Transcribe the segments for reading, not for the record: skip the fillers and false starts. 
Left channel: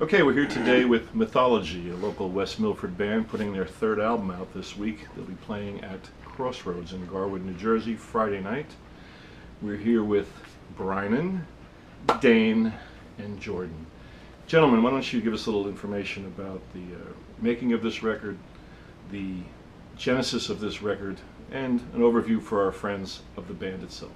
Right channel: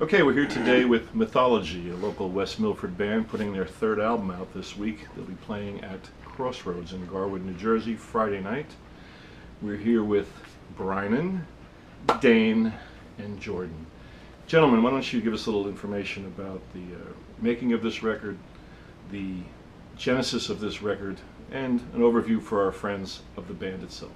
Okay, we're here today with Mythology, a local West Milford band putting their third album out this week. They'll be playing at Crossroads in Garwood, New Jersey, Friday night. We're here with Brynen, Dane, and Jordan. Gentlemen, why don't you give us a little information about the making of this record, the genesis of this record, and an overview for our friends of the band itself.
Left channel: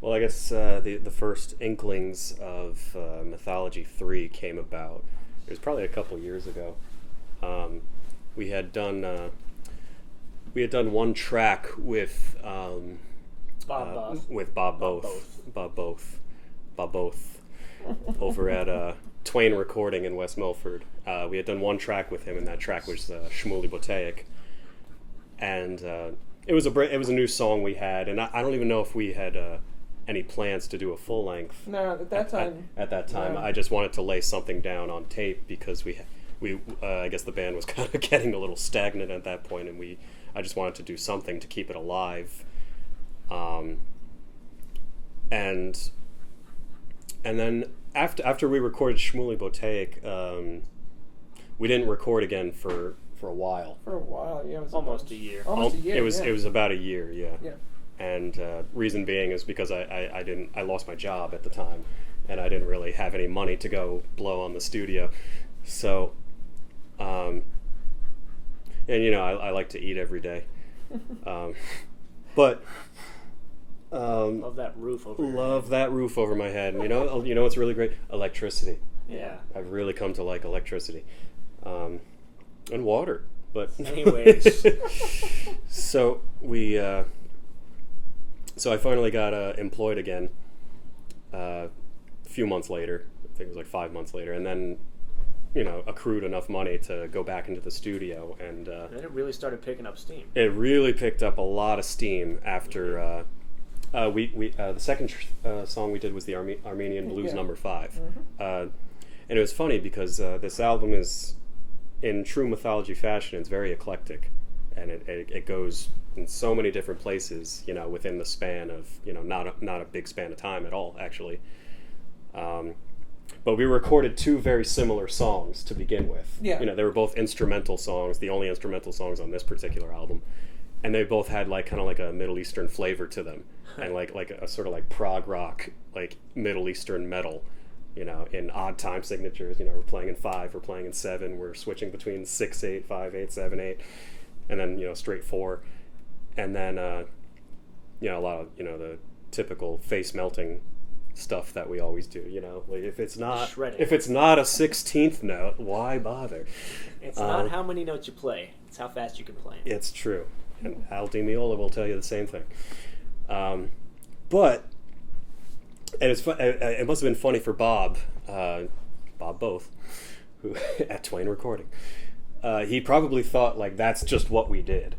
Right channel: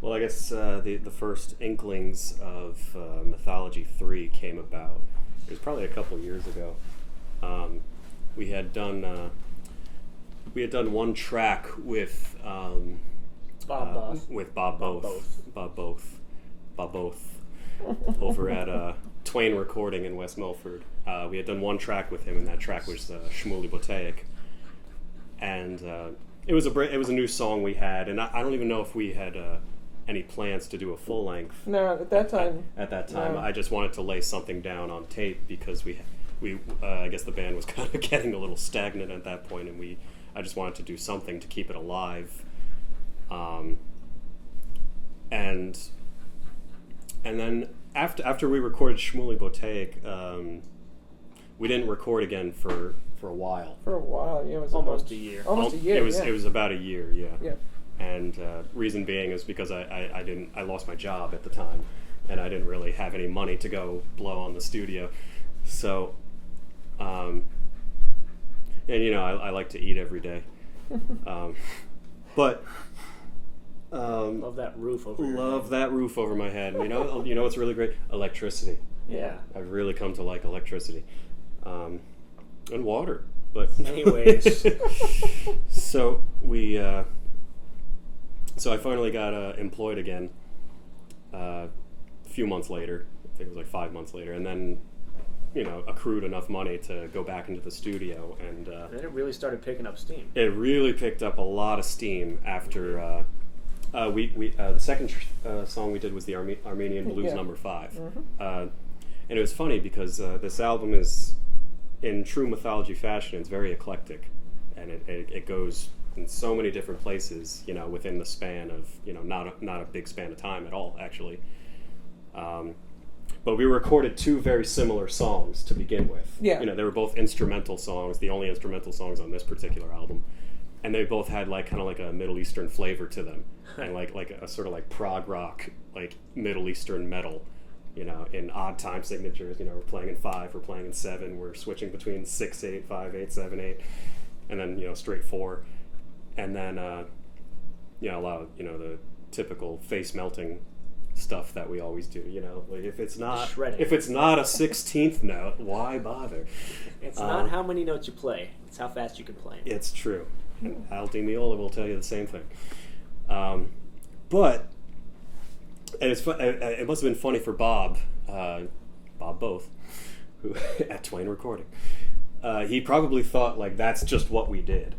Well, I guess the first inklings of Mythology 3 came about. It was probably a couple years ago. We had done one track with Bob Both over at Twain Recording in West Milford. We had done one track with him, and that track was Shmuley Botaic. And it was a new song we had, and I don't even know if we had any plans to do a full length. No, at that time. At that time, no. I just wanted to lay something down on tape because we I guess the band was kind of getting a little stagnant at that point, and I just wanted to do something to keep it alive. And then after we recorded Shmuley Botaic, we didn't record again for a while. For a while, yeah. It was almost a year. Almost a year. It was about a year, yeah. Yeah. And reason being is because I lost my job at the time, and I didn't really have any money to go blow on the studio. So, and I like to eat every day, but Love that roof over your love that roof over my head. And you know what's really great? Electricity. Yeah. I've really come to like electricity, and water. But anyways, so I finally got employed again a few months later. I think it was like 5 months later, and then accrued enough money to go back into the studio, and then it really started picking up steam. it really picked up a lot of steam after the second song we did was the Armenian Blues number 5. Mm-hmm. And it was funny because this album is, in true Mythology fashion, it's very eclectic, and it goes in so many different places, within the span of, not a big span of time at all, actually. But we recorded two very similar songs to begin with. Yeah. They were both instrumental songs, the only instrumental songs on this particular album. And they both had kind of a Middle Eastern flavor to them, and like a sort of prog rock, Middle Eastern metal, in odd time signatures. We're playing in 5, we're playing in 7, we're switching between 6/8, 5/8, 7/8, and then straight 4, and then a lot of the typical face melting stuff that we always do. If it's not Shredding. if it's not a 16th note, why bother? It's not how many notes you play; it's how fast you can play 'em. It's true. And Al Di Meola will tell you the same thing. But it must have been funny for Bob Both, who at Twain Recording. He probably thought that's just what we did,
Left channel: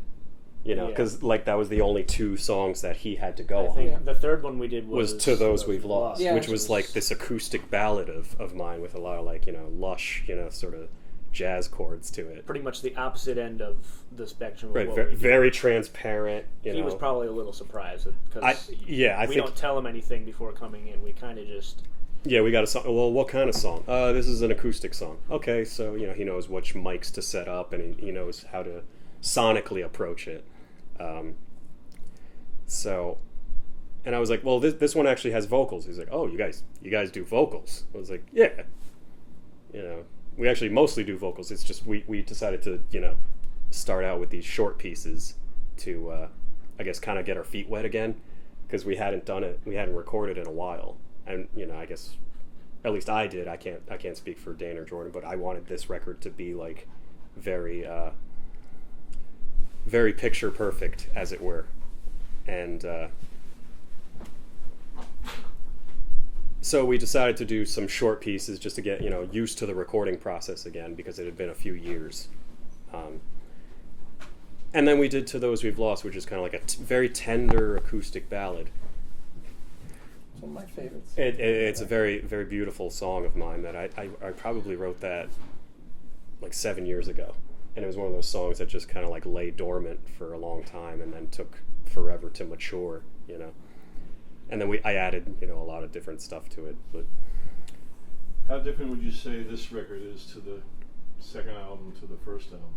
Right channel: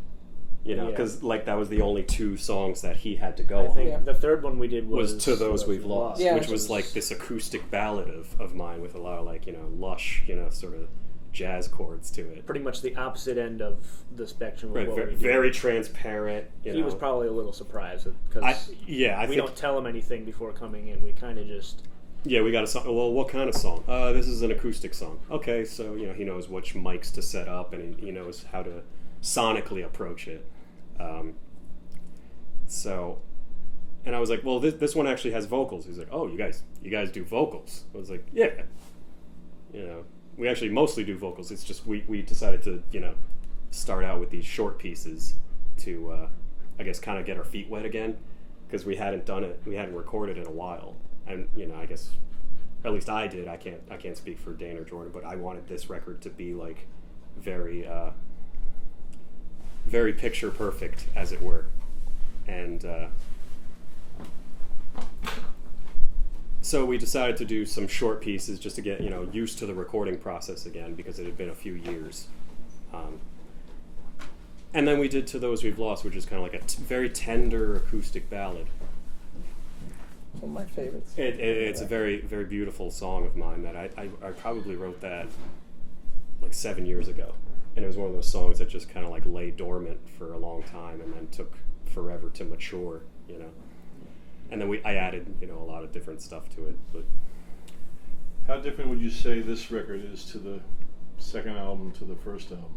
because that was the only 2 songs that he had to go I on. think the third one we did was To Those We've Lost, Yeah. which was this acoustic ballad of mine with a lot of lush, sort of jazz chords to it. pretty much the opposite end of the spectrum of Right, what we do. very transparent. He was probably a little surprised because I we think don't tell him anything before coming in. We kind of just we got a song. Well, what kind of song? This is an acoustic song. Okay, so he knows which mics to set up, and he knows how to sonically approach it. And I was like, well, this one actually has vocals. He's like, oh, you guys do vocals? I was like, yeah. We actually mostly do vocals. It's just we decided to start out with these short pieces to I guess kind of get our feet wet again, because we hadn't recorded in a while, and I guess at least I did. I can't speak for Dane or Jordan, but I wanted this record to be very very picture perfect, as it were, and so we decided to do some short pieces just to get used to the recording process again, because it had been a few years. And then we did To Those We've Lost, which is kind of a very tender acoustic ballad. It's one of my favorites. It's a very, very beautiful song of mine that I probably wrote that 7 years ago. And it was one of those songs that just kind of lay dormant for a long time and then took forever to mature, And then I added, a lot of different stuff to it. But How different would you say this record is to the second album to the first album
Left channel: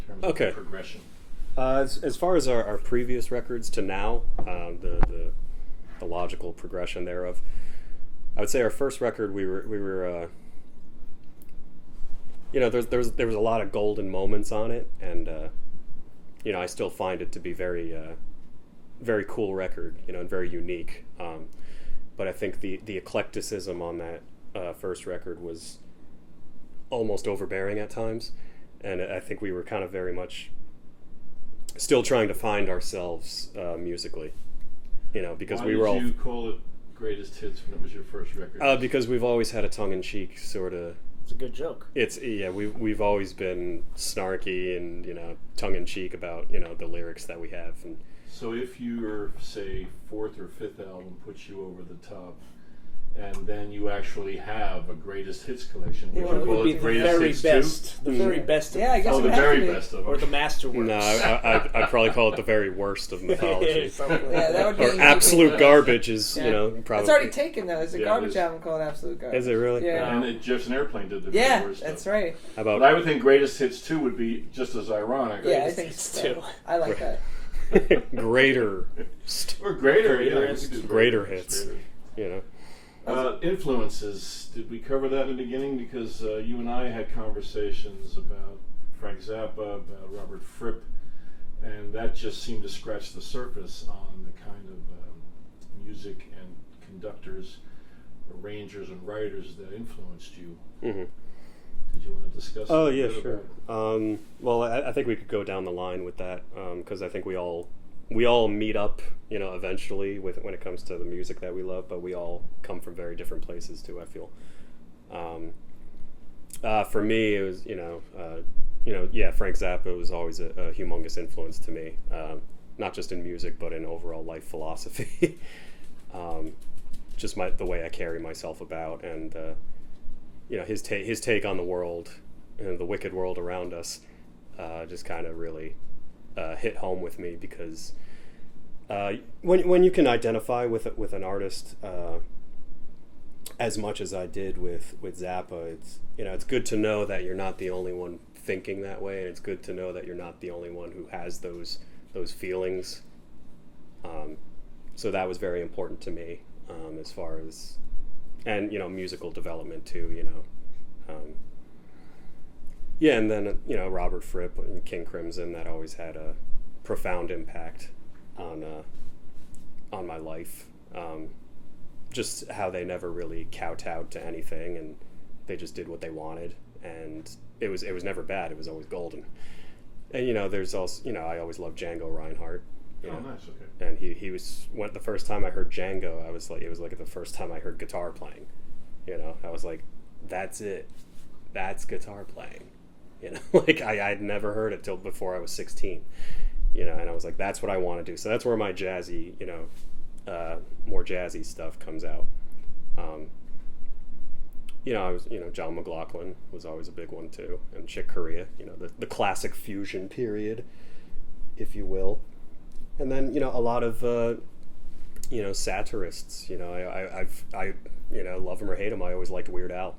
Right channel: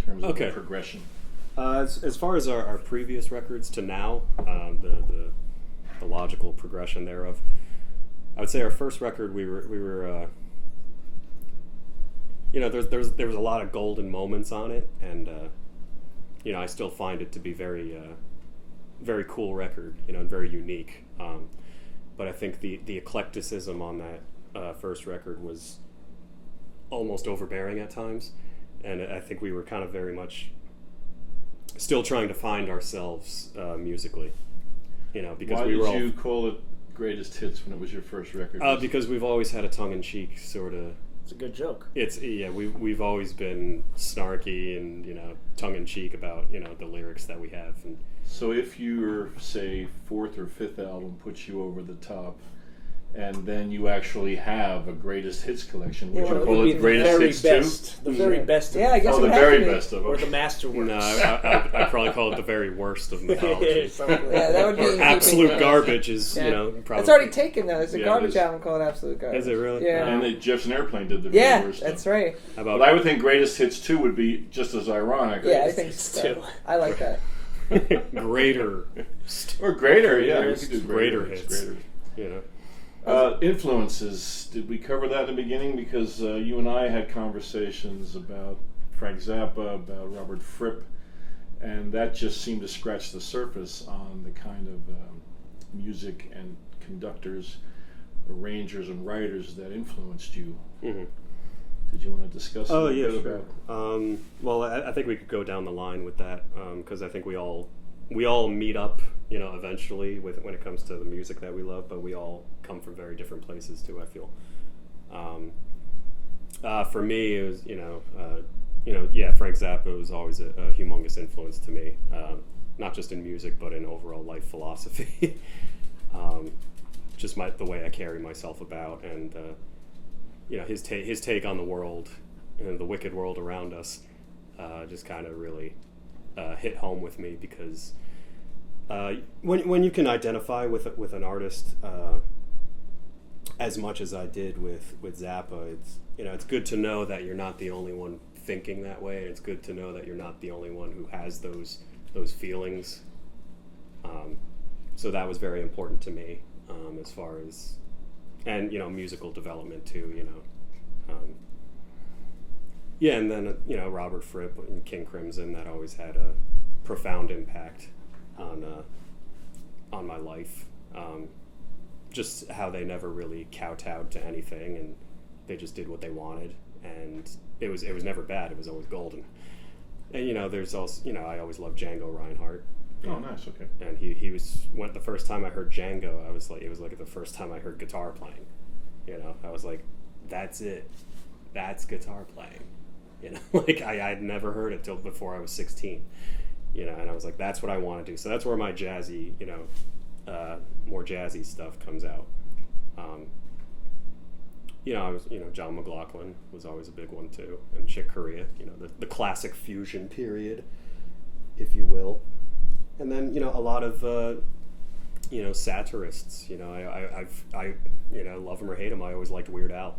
in terms of the progression? As far as our previous records to now, the logical progression thereof, I would say our first record we were there was a lot of golden moments on it, and I still find it to be very cool record, and very unique. But I think the eclecticism on that first record was almost overbearing at times, and I think we were kind of very much still trying to find ourselves musically, because Why we were all. Why did you call it Greatest Hits when it was your first record? Because we've always had a tongue-in-cheek sort of. It's a good joke. We've always been snarky and tongue-in-cheek about the lyrics that we have. And so if your say fourth or fifth album puts you over the top, and then you actually have a Greatest Hits collection, would you It call would be it the Greatest very Hits best. 2? The very best. Yeah, I guess Oh, it the would have very to be. best of Or the them. masterworks. no, I'd probably call it the very worst of mythology. Yeah, that would be Or in absolute keeping- garbage is Yeah. probably. It's already taken though. There's a Yeah, garbage it is. album called Absolute Garbage. Is it really? Yeah. And Jefferson Airplane did the Yeah, very worst that's stuff. right. How But about I would think Greatest Hits 2 would be just as ironic. Yeah, I Greatest think Hits so. too. I like that. greater? Or greater, yeah. we could do Greater hits. greater. Influences. Did we cover that in the beginning? Because you and I had conversations about Frank Zappa, about Robert Fripp, and that just seemed to scratch the surface on the kind of music and conductors, arrangers, and writers that influenced you. Mm-hmm. Did you want to discuss? Oh a yeah, bit sure. about- Well, I think we could go down the line with that because I think we all meet up, eventually when it comes to the music that we love, but we all come from very different places too. I feel. For me, it was Frank Zappa was always a humongous influence to me, not just in music but in overall life philosophy. Just the way I carry myself about, and his take on the world and the wicked world around us, just kind of really hit home with me because when you can identify with an artist as much as I did with Zappa, it's good to know that you're not the only one thinking that way, and it's good to know that you're not the only one who has those feelings. So that was very important to me as far as, and musical development too. And then Robert Fripp and King Crimson, that always had a profound impact on my life. Just how they never really kowtowed to anything, and they just did what they wanted, and it was never bad. It was always golden. And there's also I always loved Django Reinhardt. Oh, nice. Okay. And he was the first time I heard Django, I was like, it was like the first time I heard guitar playing. I was like, that's it. That's guitar playing. Like I'd never heard it till before I was 16. And I was like, that's what I want to do. So that's where my jazzy, more jazzy stuff comes out. I was, John McLaughlin was always a big one too, and Chick Corea, the classic fusion period, if you will. And then, a lot of, satirists. I love him or hate him, I always liked Weird Al.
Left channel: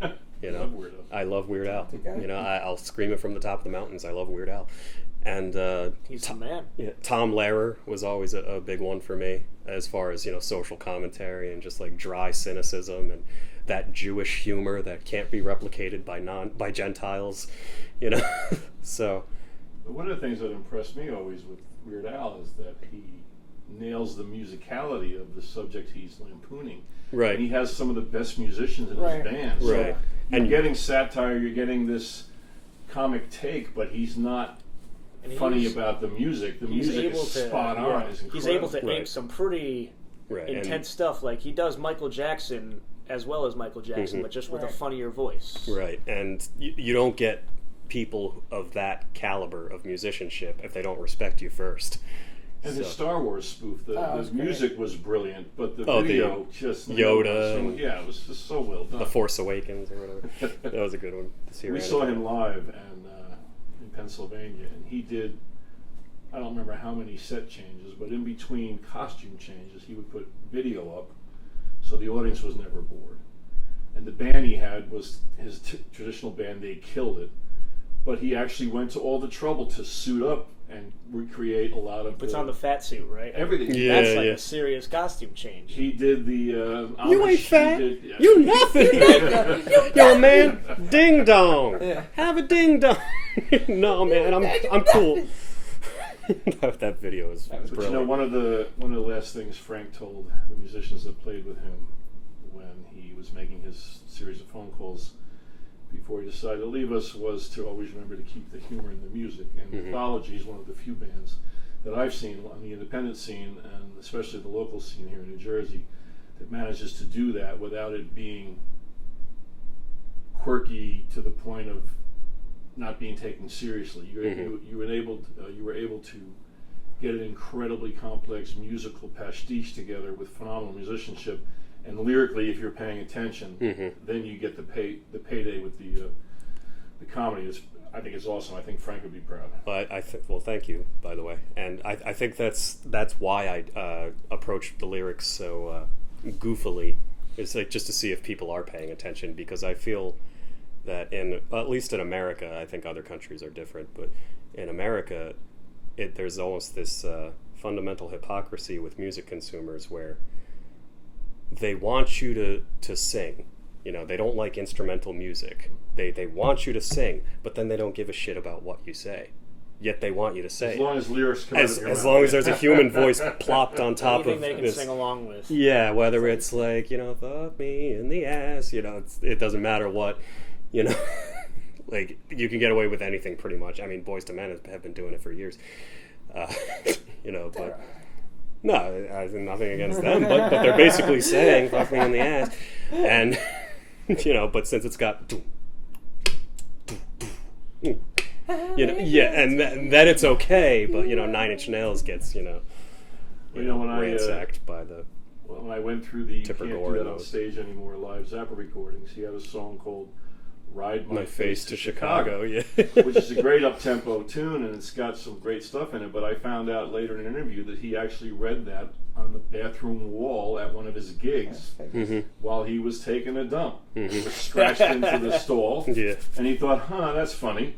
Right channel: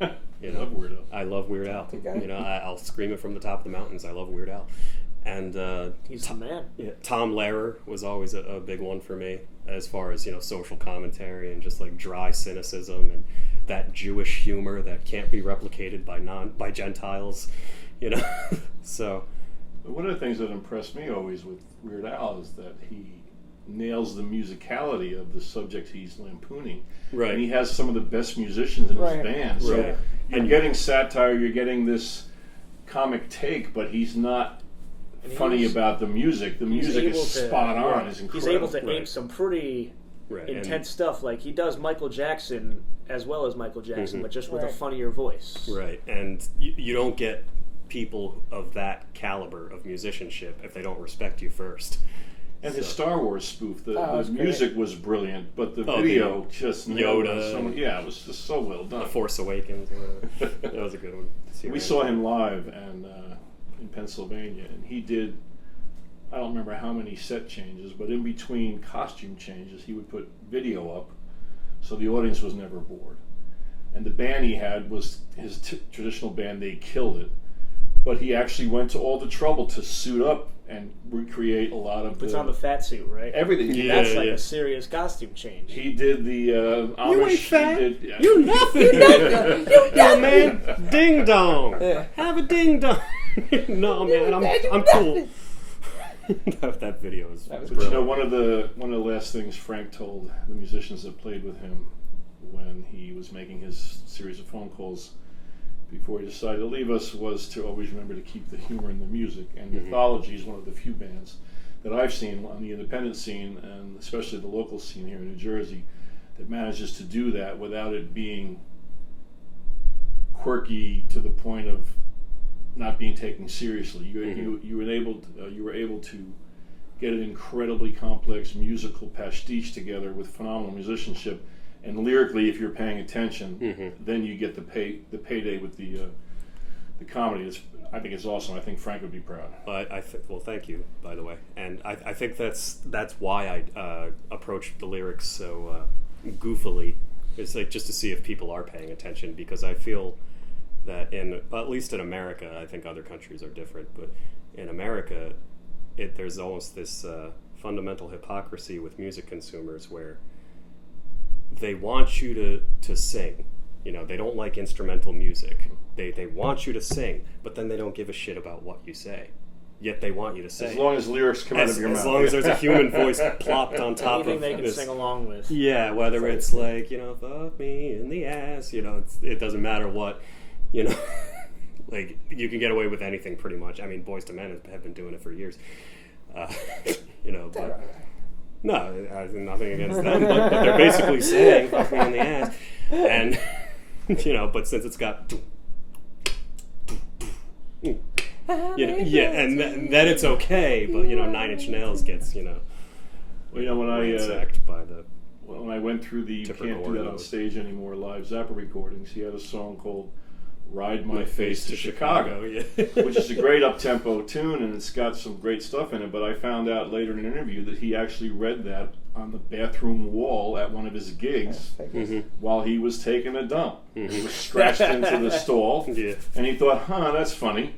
Love Weird Al. I love Weird Al. Okay. I'll scream it from the top of the mountains. I love Weird Al. And He's the man. Tom Lehrer was always a big one for me, as far as social commentary and just like dry cynicism and that Jewish humor that can't be replicated by Gentiles. So. One of the things that impressed me always with Weird Al is that he nails the musicality of the subject he's lampooning. Right. And he has some of the best musicians in Right. his band. So Right. you're And- getting satire, you're getting this comic take, but he's not And funny he's- about the music. The He's music able is to. spot on. Yeah, It's he's able to incredible. aim some pretty Right. intense stuff. Like he does Michael Jackson as well as Michael Jackson, Mhm. but just with a Right. funnier voice. Right. And you don't get people of that caliber of musicianship if they don't respect you first. And his So- Star Wars spoof, the that's great. music was brilliant, but the Oh, the video just Yoda So, and- yeah, it was just so well done. The Force Awakens or whatever. That was a good one to see. We around. saw him live and in Pennsylvania, and he did, I don't remember how many set changes, but in between costume changes, he would put video up, so the audience was never bored. and the band he had was his traditional band. They killed it, but he actually went to all the trouble to suit up and recreate a lot of. Puts on the fat suit, right? everything. Yeah. That's like a serious costume change. He did the. You Amish, ain't fat. He did, yeah. You nothing. Yo, man, ding dong. Yeah. Have a ding dong. No, man, I'm cool. That video is That was But you know, brilliant. one of the last things Frank told the musicians that played with him when he was making his series of phone calls before he decided to leave us was to always remember to keep the humor in the music. And Mythology is one of the few bands that I've seen on the independent scene, and especially the local scene here in New Jersey, that manages to do that without it being quirky to the point of not being taken seriously. You were able to get an incredibly complex musical pastiche together with phenomenal musicianship, and lyrically, if you're paying attention, then you get the payday with the comedy. I think it's awesome. I think Frank would be proud. Well, thank you, by the way. And I think that's why I approached the lyrics so goofily. It's like just to see if people are paying attention, because I feel that at least in America, I think other countries are different, but in America, there's almost this fundamental hypocrisy with music consumers where they want you to sing. You know, they don't like instrumental music. They want you to sing, but then they don't give a shit about what you say. Yet they want you to sing. As long as lyrics come out of your mouth. As long as there's a human voice plopped on top Anything of they can this. sing along with. Yeah, whether it's like, fuck me in the ass, it doesn't matter what, like, you can get away with anything pretty much. I mean, Boyz II Men have been doing it for years. But no, I have nothing against them, but they're basically saying fuck me in the ass. And, but since it's got, and then it's okay, but, Nine Inch Nails gets, when I ransacked by the... when I went through the Tipper Can't Gore Do That and on those. Stage Anymore live Zappa recordings, he had a song called Ride My face to Chicago, yeah. which is a great up-tempo tune, and it's got some great stuff in it, but I found out later in an interview that he actually read that on the bathroom wall at one of his gigs while he was taking a dump. It was scratched into the stall, Yeah. and he thought, that's funny.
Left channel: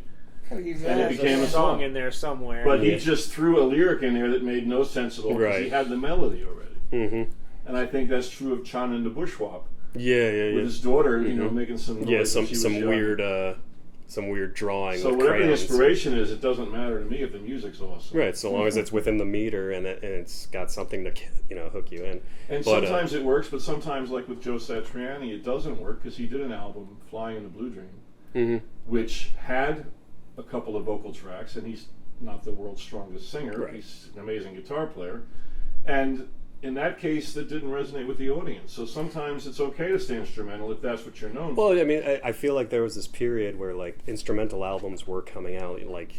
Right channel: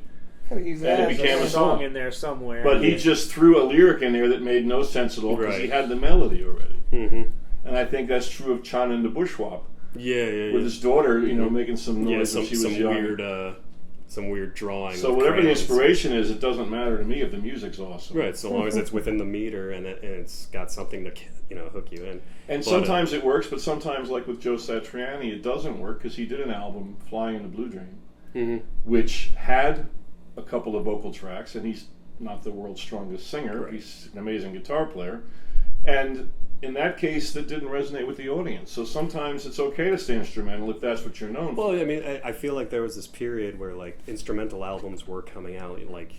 Use And that it as a became There's a song in there somewhere. But he just threw a lyric in there that made no sense at all because he Right. had the melody already. Mm-hmm. And I think that's true of Chan and the Bushwalk. Yeah. With his daughter, making some noise. Yeah, when some she was young. weird drawing. So with whatever the crayons. inspiration is, it doesn't matter to me if the music's awesome. Right, so long as it's within the meter and it's got something to hook you in. And But, sometimes it works, but sometimes, like with Joe Satriani, it doesn't work because he did an album, Flying in the Blue Dream, which had a couple of vocal tracks, and he's not the world's strongest singer. Right. He's an amazing guitar player, and in that case, that didn't resonate with the audience. So sometimes it's okay to stay instrumental if that's what you're known for. Well, I mean, I feel like there was this period where like instrumental albums were coming out, like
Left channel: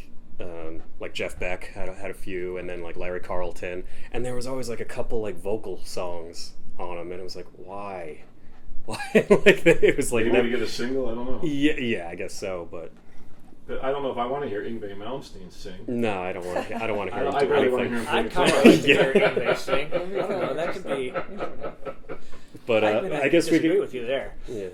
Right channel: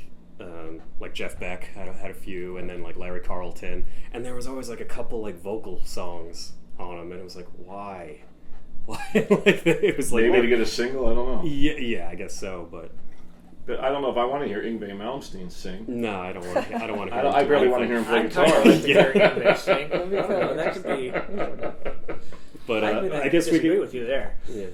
Jeff Beck had a few, and then like Larry Carlton, and there was always like a couple like vocal songs on them, and it was like, why? Like it was like Maybe to get a single, I don't know. yeah, I guess so, but I don't know if I want to hear Yngwie Malmsteen sing. no, I don't want to. I don't want to hear him I do really want to anything. hear him I'd play kind of guitar. like to hear Yngwie sing. I don't know, that could be. But I I guess we disagree could. with you there. Yeah.